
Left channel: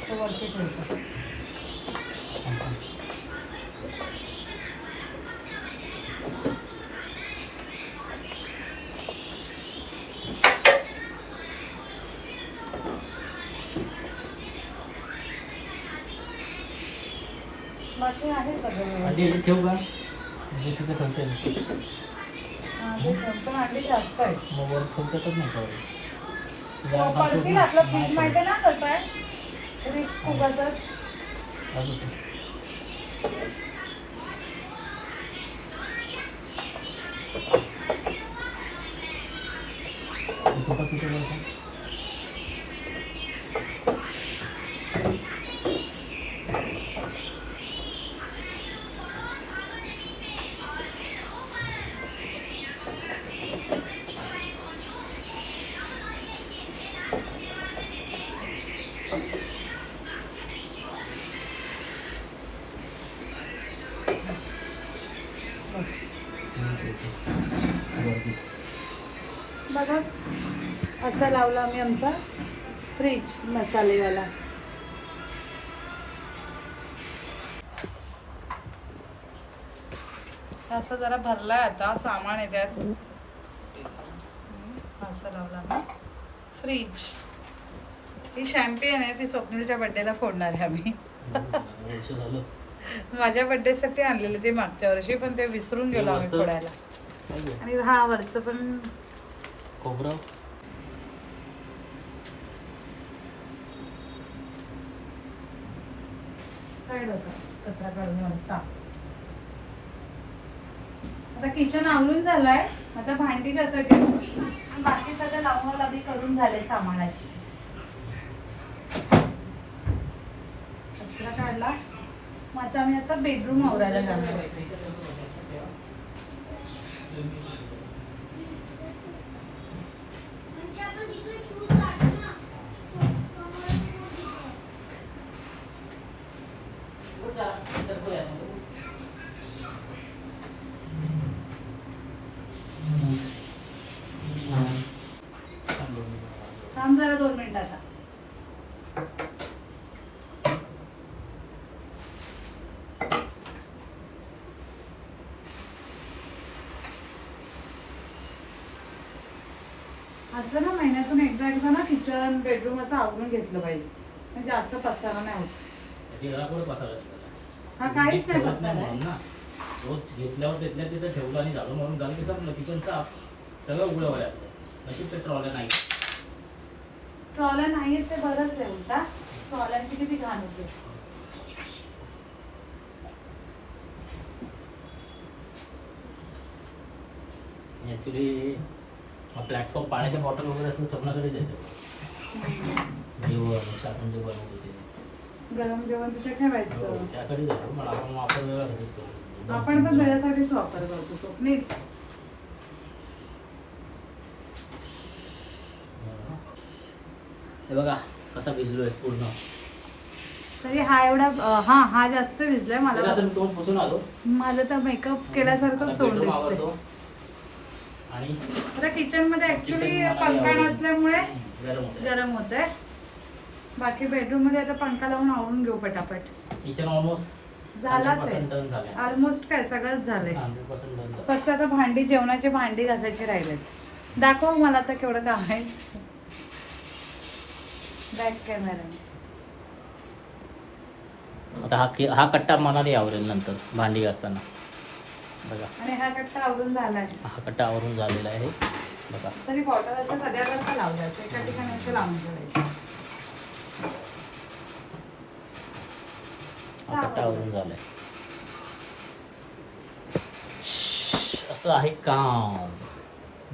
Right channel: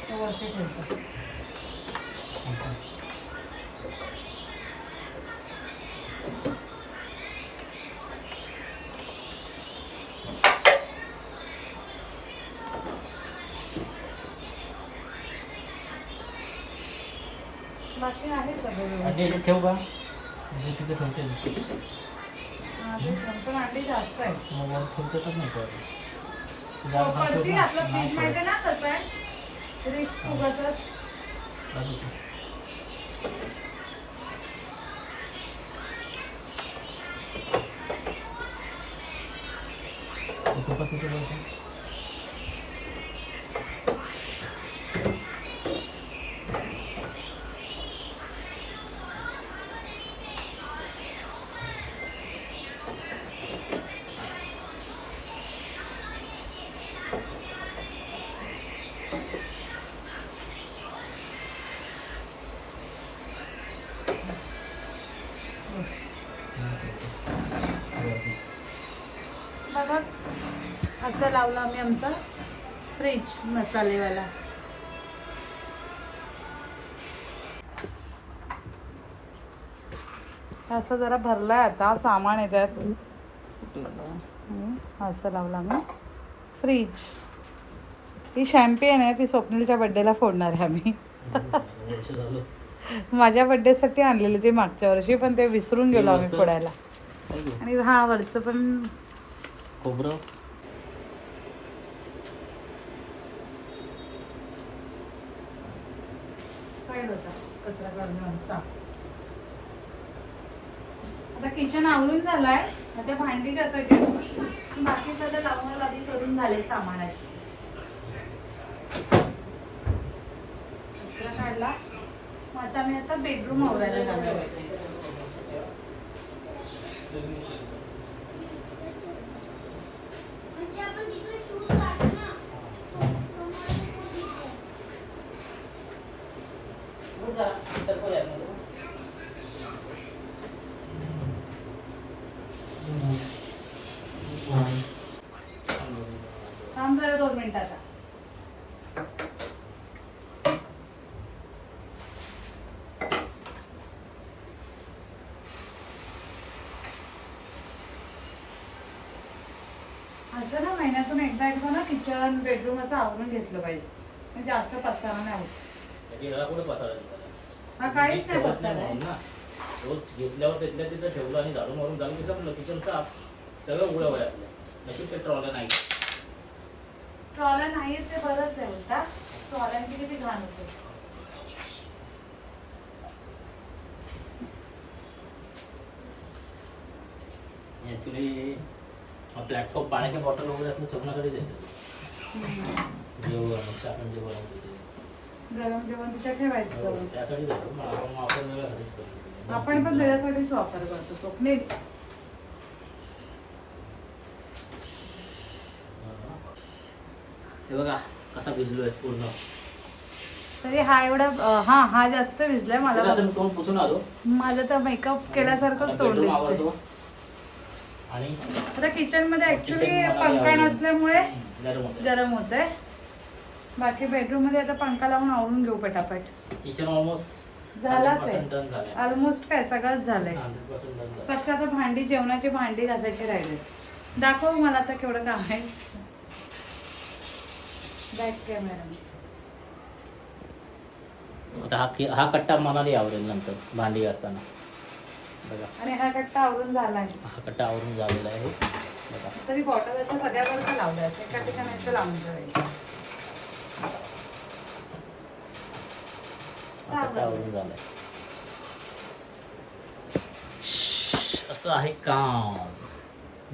तो वरती ठेवतो. बाकी आहे सगळं आणि व्यवस्थित. हे ठेवू का? जे तिथे ठेवते ते पण अंडी जास्त आहेत. मोबाईल ठेवतेच नाही कळत. पडतील आपलं फ्रीज मध्ये ना कसं आहे रिस्क उगाचच. तुपाचं ते बोलतो. बघा असा लावला आम्ही आमचा फ्रीज मसालेवाला. असा जरा भरलाय आता सामान आहे त्यात. असं लावला मी. फ्रीज ही शॅम्पेन आहे, ती स्वप्नीलच्या बड्डेला फोडणार आहे आम्ही. वर्ष झालं. माझ्या बड्डेसाठी आणलेलं ते मागच्या वर्षी, पण ते विसरून गेलो आम्ही वरचं? फोडायला. काय गं? आणि हा वरचं पण खोबरं साईड होता कचरा काढण्यावर साफ. आता किचन आवरून झालंय, आता भांडी घासायची. बाकी सगळं लावणी करून झाले सामानाची. कचरा काढला. मग आता मी आता बेडरूम आवरायला जाणार आहे. थांब जरा 2 मिनिटाचा. असं ना महिन्यातून एकदा ना किचन बेडरूम असं आवरून घेतलं पाहिजे, म्हणजे जास्त पसारा नाही होत. याला कुठे पसारा हा काहीच नाही ठेवत पसारा नाही आहे. म्हणून ना. रोज घेतल्यावर तिथल्या तिथं ठेवलं आणि झाडून मारून झालं की संपलं. किचन साफ, सगळं उघडं व्हायला लागलं. अशी ते ट्रॉल्या नाही. ट्रॉल्या नाहीत ते बरंच आहे उलटा. ट्रॉल्यांची किती घाण होते. ॲक्च्युली प्लॅटफॉर्म पाण्याच्या बॉटल वगैरे असं ठेवण्यासाठी द्यायचं. आपण जे बनवतो ते गरम जेवण तिथे ठेवायचं. हो, त्यासाठी जातो. मग आपण वापरलेला घरीच करतो. आपण पण त्याच्यासाठीच वापर करतो स्वप्नील. हे बघा कसा भिजलोय पूर्ण. तरी हा एवढा हा जास्त भिजलाय मला. आता मी तोंड पुसून आलो. माझं तर मेकअप केल्यासारखंच तोंड बेडरूम दिसतंय. आवरतो आणि आता किचन मध्ये ऍक्च्युली किचन मला पंखा आवडेल. नसल्यामुळे गरम होतं. गरम होत आहे. बाकी बेडरूम मध्ये आता पंखा लावून आवरून घेऊ पटापट. किचन ऑलमोस्ट झालाच आहे. डन झालंय. ऑलमोस्ट काय सगळंच झालंय. 100% डन झालं. फक्त आता भांडी, जेवणाची भांडी घासायची राहिले. दाखव मला आता केवढं काम आहे. Back camera. आता हा कट्टा मनाने आवडेल नंतर भांडी घासताना. बघा आणि हा कट्टा आवरून झालाय. हा कट्टा आवरून झालेला आहे. बघा तरी बॉटल अशा सगळ्यावर लावल्या एका ठिकाणी लावून ठेवायचे. हा कट्टा आवरून झालाय. असं आहे काम.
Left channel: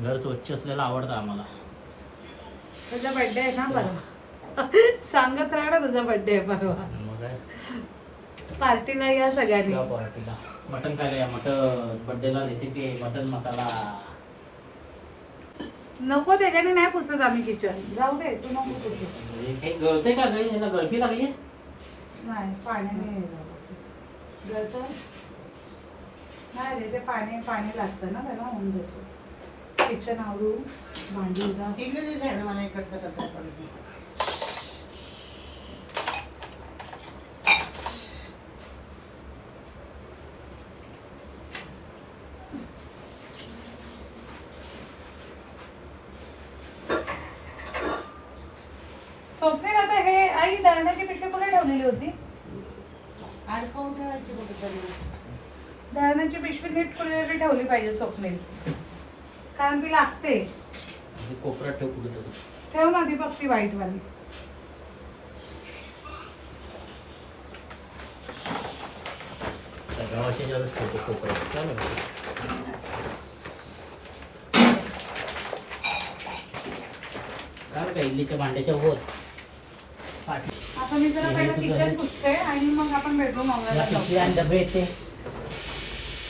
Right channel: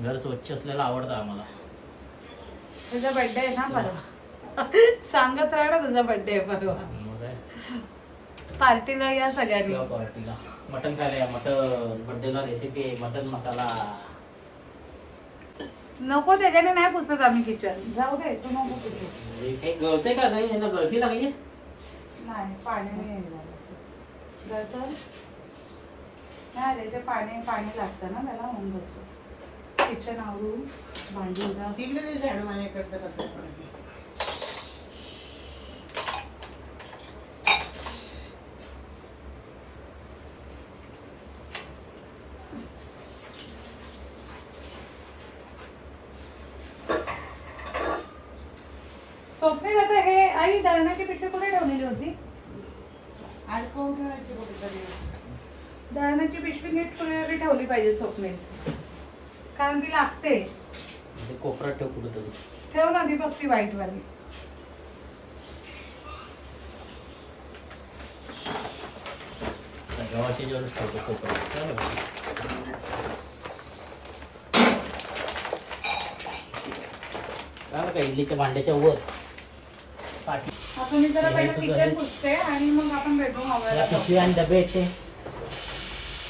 घर स्वच्छ असलेलं आवडतं आम्हाला. तुझा बर्थडे आहे ना परवा. सांगत राहा ना तुझा बर्थडे आहे परवा. मग काय पार्टीला या सगळ्यांनी. या पार्टीला मटन खायला या. मटन बर्थडेला रेसिपी आहे. मटन मसाला. नको त्याच्याने नाही पुसत आम्ही किचन. जाऊ दे तू नको पुसू. हे गळते का काही याला गळती लागली. नाही पाण्याने गळतं नाही रे. ते पाणी लागतं ना त्याला होऊन बसू. किचन आवरून भांडी उद्या. तिकडे ते झाड माझ्याकडचं कसं पडते. स्वप्नील आता हे आई दळण्याची पिशवी कुठे ठेवलेली होती. अडकवून ठेवायची कुठेतरी. दळण्याची पिशवी नीट कुठेतरी ठेवली पाहिजे स्वप्नील, कारण ती लागते. कोपऱ्यात ठेव कुठेतरी. ठेव ना ती पक्की वाईट वाली. गावाच्या वेळेस ठेवतो कोपऱ्यात. काय बघा काय इडलीच्या भांड्याच्या वर पाठी. आता मी जरा पहिलं किचन पुसते आणि मग आपण बेडरूम आवरायला जाऊ. पिशवी आणि डबे आहेत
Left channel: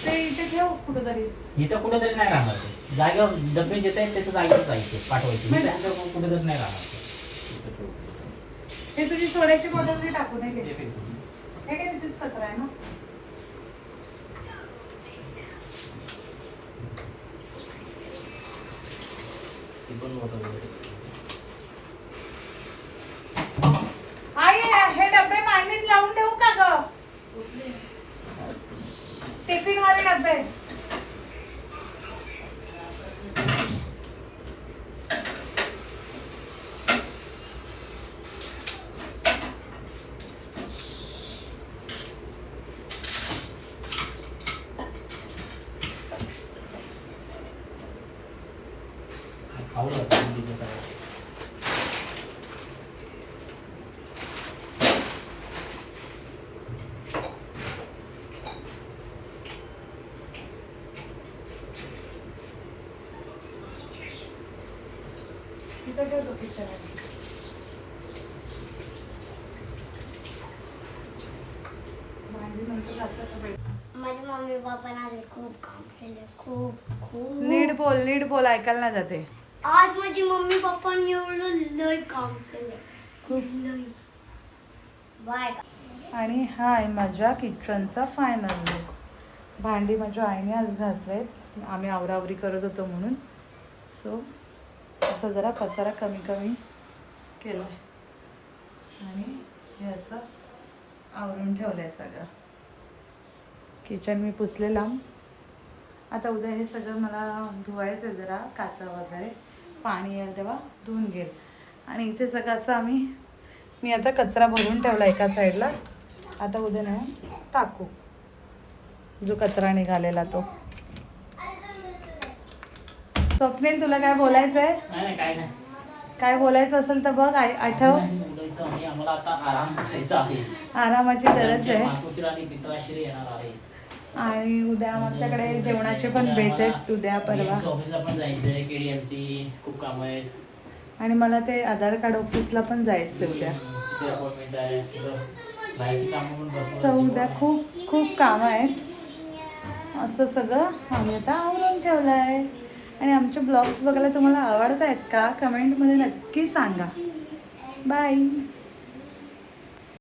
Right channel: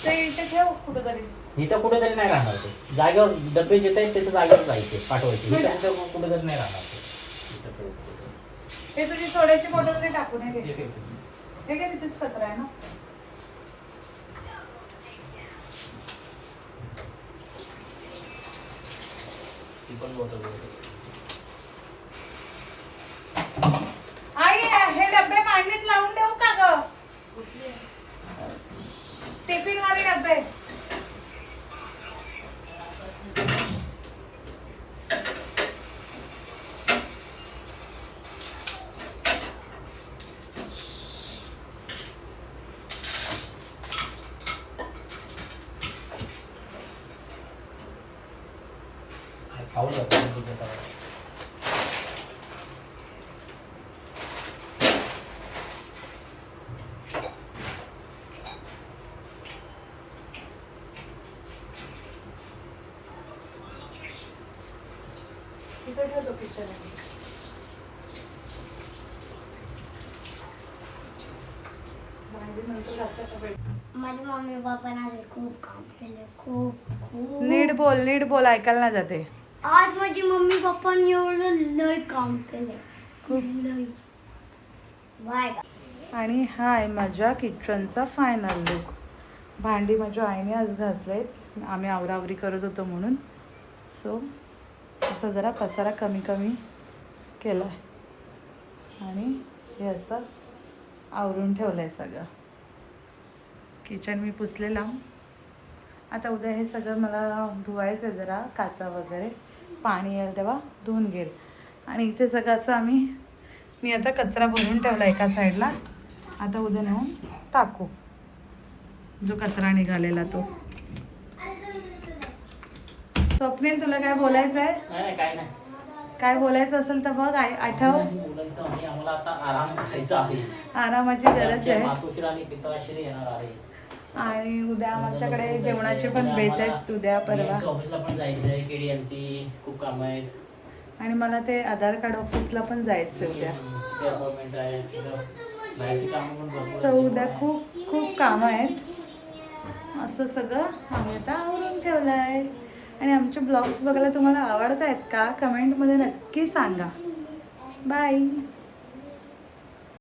ते इथे ठेव कुठेतरी. इथं कुठेतरी नाही राहणार ते. जागेवर डबे जे आहेत त्याच्या जागेवर जायचे पाठवायचे. कुठेतरी नाही राहणार ते. हे तुझी सोड्याची बॉटल ते टाकून हे घे. इथे ठेव. हे काय तिथेच कचरा आहे ना. ती पण बॉटल आहे. आई हे डबे मांडीत लावून ठेवू का ग. टिफिन वाले डबे. खाऊ शकतो मुलीचं सगळं. तिथे ठेवतो किचन. भांडी नंतर घालतात का बाई? माझ्या मम्मी पप्पाने आज खूप काम केलं, खूप खूप. नीट बोल ऐकायला नाही जाते. आज माझी मम्मी पप्पांनी एवढं लय काम केलं, खूप. लय. बाय. आणि हा आहे माझ्या किचनचा फायनल लुक. भांडी माझ्या आईने आज घासलेत, आम्ही आवरावरी करत होतो म्हणून. सो असं जरा पसारा कमी कमी केला आहे आणि हे असं आवरून ठेवलं आहे सगळं. किचन मी पुसलेला. आता उद्या हे सगळं मला धुवायचं आहे, जरा काचा वगैरे पाणी येईल तेव्हा धुवून घेईल. आणि इथे सगळं असं मी आता कचरा भरून ठेवला एका साईडला. आता उद्या नेऊन टाकू जो कचरा निघालेला तो. स्वप्नील तुला काय बोलायचं आहे? नाही काय नाही. काय बोलायचं असेल तर बघ, आठव. बोलायचं नाही, आम्हाला आता आराम करायचा आहे. आरामाची गरज आहे. मातोश्री आणि पिताश्री येणार आहे. आणि उद्या आमच्याकडे जेवणाचे पण बेत आहेत, उद्या परवा. ऑफिसला पण जायचंय, KDMC खूप काम आहेत. आणि मला ते आधार कार्ड ऑफिसला पण जायचं उद्या. अपॉइंटमेंट आहे, बाहेरची कामं पण भरपूर सो आहेत. उद्या खूप खूप कामं आहेत. असं सगळं आम्ही आता आवरून ठेवलं आहे. आणि आमचे ब्लॉग्स बघायला तुम्हाला आवडत आहेत का? कमेंटमध्ये नक्की सांगा. बाय.